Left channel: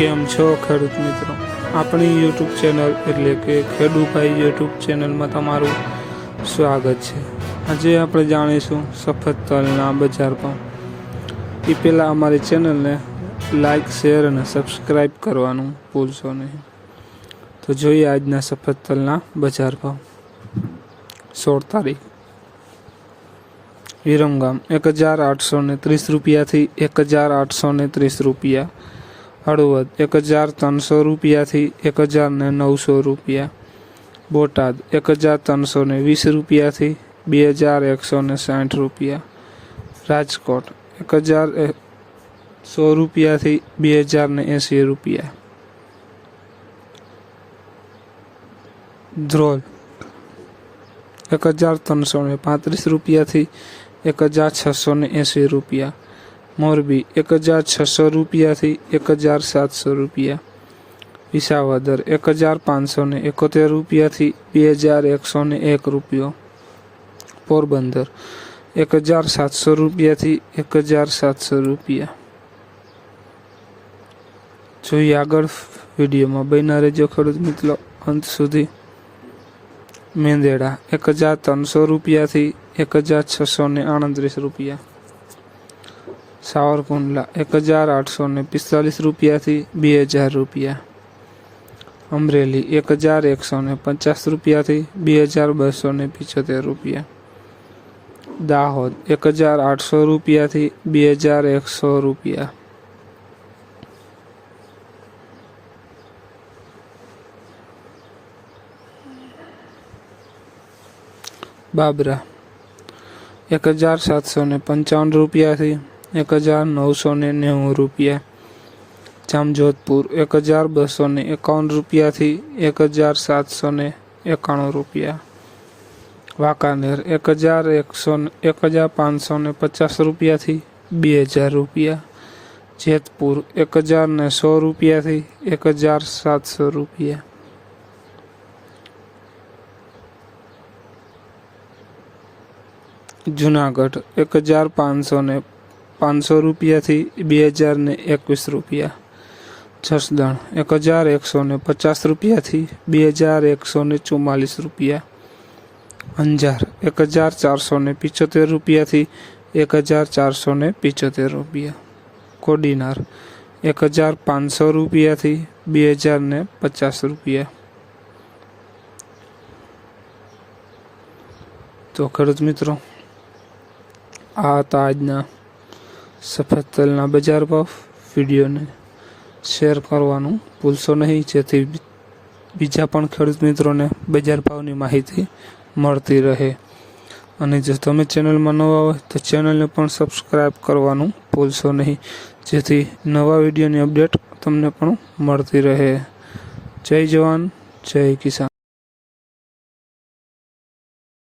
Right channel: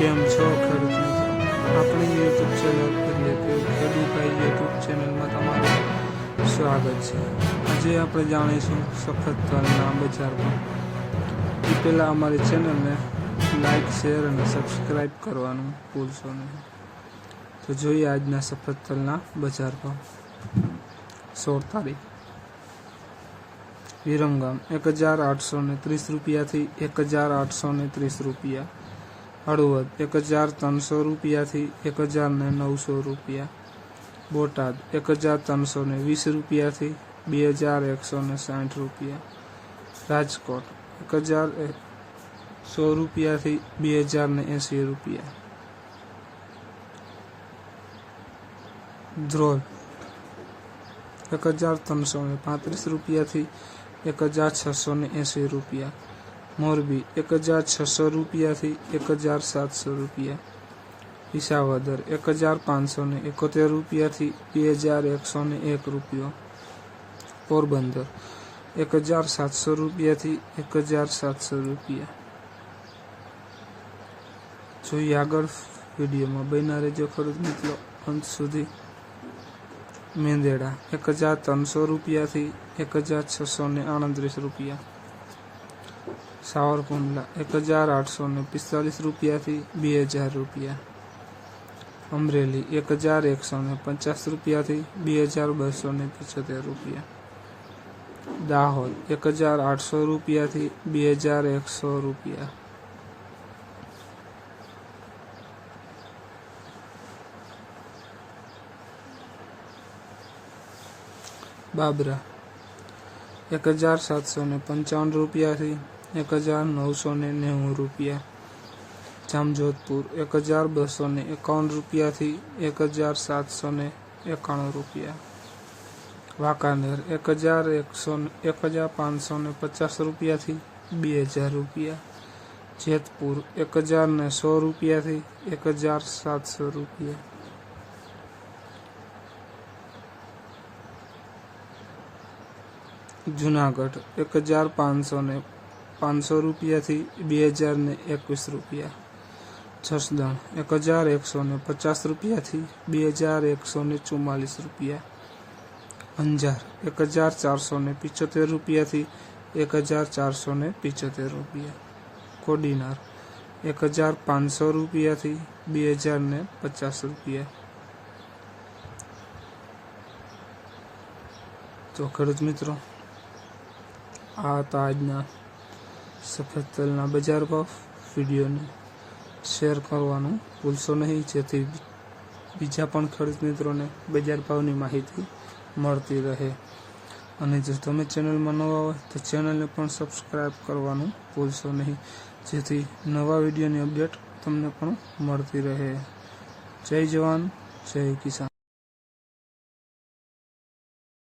કેમ છો ખેડૂત મિત્રો? આપણી યુટ્યુબ ચેનલ એટલે કે ખેડૂભાઈ યુટ્યુબ ચેનલમાં તમારું સ્વાગત છે. આજે આપણે જાણીશું સફેદ તલના બજાર પણ એ પહેલાં અમારી ચેનલને લાઈક, શેર અને સબસ્ક્રાઈબ કરવાનું ભૂલશો નહીં. તો જોઈએ આજના સફેદ તલના બજાર ભાવ. સોળ તારીખ. વિરમગામ. એક હજાર આઠસો ત્રીસ રૂપિયાથી એક હજાર આઠસો ત્રીસ રૂપિયા હળવદ, એક હજાર ત્રણસો રૂપિયાથી એક હજાર ને નવસો રૂપિયા. બોટાદ, એક હજાર ત્રણસો ને વીસ રૂપિયાથી બે હજાર એકસો ને સાઠ રૂપિયા. રાજકોટ, એક હજાર એ- સો રૂપિયાથી બે હજાર ને એંસી રૂપિયા. ધ્રોલ, એક હજાર ત્રણસો ને પાંત્રીસ રૂપિયાથી એક હજાર છસો ને એંસી રૂપિયા. મોરબી એક હજાર છસો રૂપિયાથી એક હજાર સાતસો રૂપિયા. વિસાવદર એક હજાર પાંચસો ને એકોતેર રૂપિયાથી બે હજાર એકસો ને એક રૂપિયો. પોરબંદર એક હજાર સાતસો રૂપિયાથી એક હજાર સાતસો રૂપિયા. જોઈએ આગળ વિડીયોમાં બન્યા રહેજો ખેડૂત મિત્રો. અંત સુધી મેંદેડા એક હજાર ત્રણસો રૂપિયાથી એક હજાર છસો ને આડત્રીસ રૂપિયા. સાવરકુંડલા એક હજાર આઠસો ને પિસ્તાલીસ રૂપિયાથી બે હજાર રૂપિયા. અમરેલી એક હજાર એકસો ને પચાસ રૂપિયાથી બે હજાર બસો ને પિચોતેર રૂપિયા. દાહોદ એક હજાર આઠસો રૂપિયાથી બે હજાર એકસો રૂપિયા. બાબરા એક હજાર સાતસો ને પંચાવન રૂપિયાથી એક હજાર નવસો ને નેવું રૂપિયા જામજોધપુર એક હજાર બસો ને એકાવન રૂપિયાથી એક હજાર સાતસો ને એકાણું રૂપિયા વાંકાનેર એક હજાર એકસો ને- એક હજાર પાંચસો ને પચાસ રૂપિયાથી બે હજાર રૂપિયા જેતપુર એક હજાર ને સો રૂપિયાથી એક હજાર સાતસો રૂપિયા જુનાગઢ એક હજાર પાંચસો ને પાંચસો રૂપિયાથી બે હજાર ને એકવીસ રૂપિયા. જસદણ એક હજાર એકસો ને પચાસ રૂપિયાથી બે હજાર એકસો ને ચુમ્માલીસ રૂપિયા. અંજાર એક હજાર ચારસો ને પિચોતેર રૂપિયાથી એક હજાર ચારસો ને પિચોતેર રૂપિયા. કોડીનાર એક હજાર પાંચસો રૂપિયાથી બે હજાર ને પચાસ રૂપિયા. તો ખેડૂત મિત્રો, આ હતા આજના સફેદ તલના બજાર ભાવ વિડીયોને શેર કરવાનું ભૂલશો નહીં. જેથી બીજા પણ ખેડૂત મિત્રોને બજાર ભાવની માહિતી મળતી રહે. અને જો તમે ચેનલમાં નવા હોય તો ચેનલને પણ સબસ્ક્રાઈબ કરવાનું ભૂલશો નહીં. જેથી નવા વિડીયોની અપડેટ તમને પણ મળતી રહે. જય જવાન, જય કિસાન.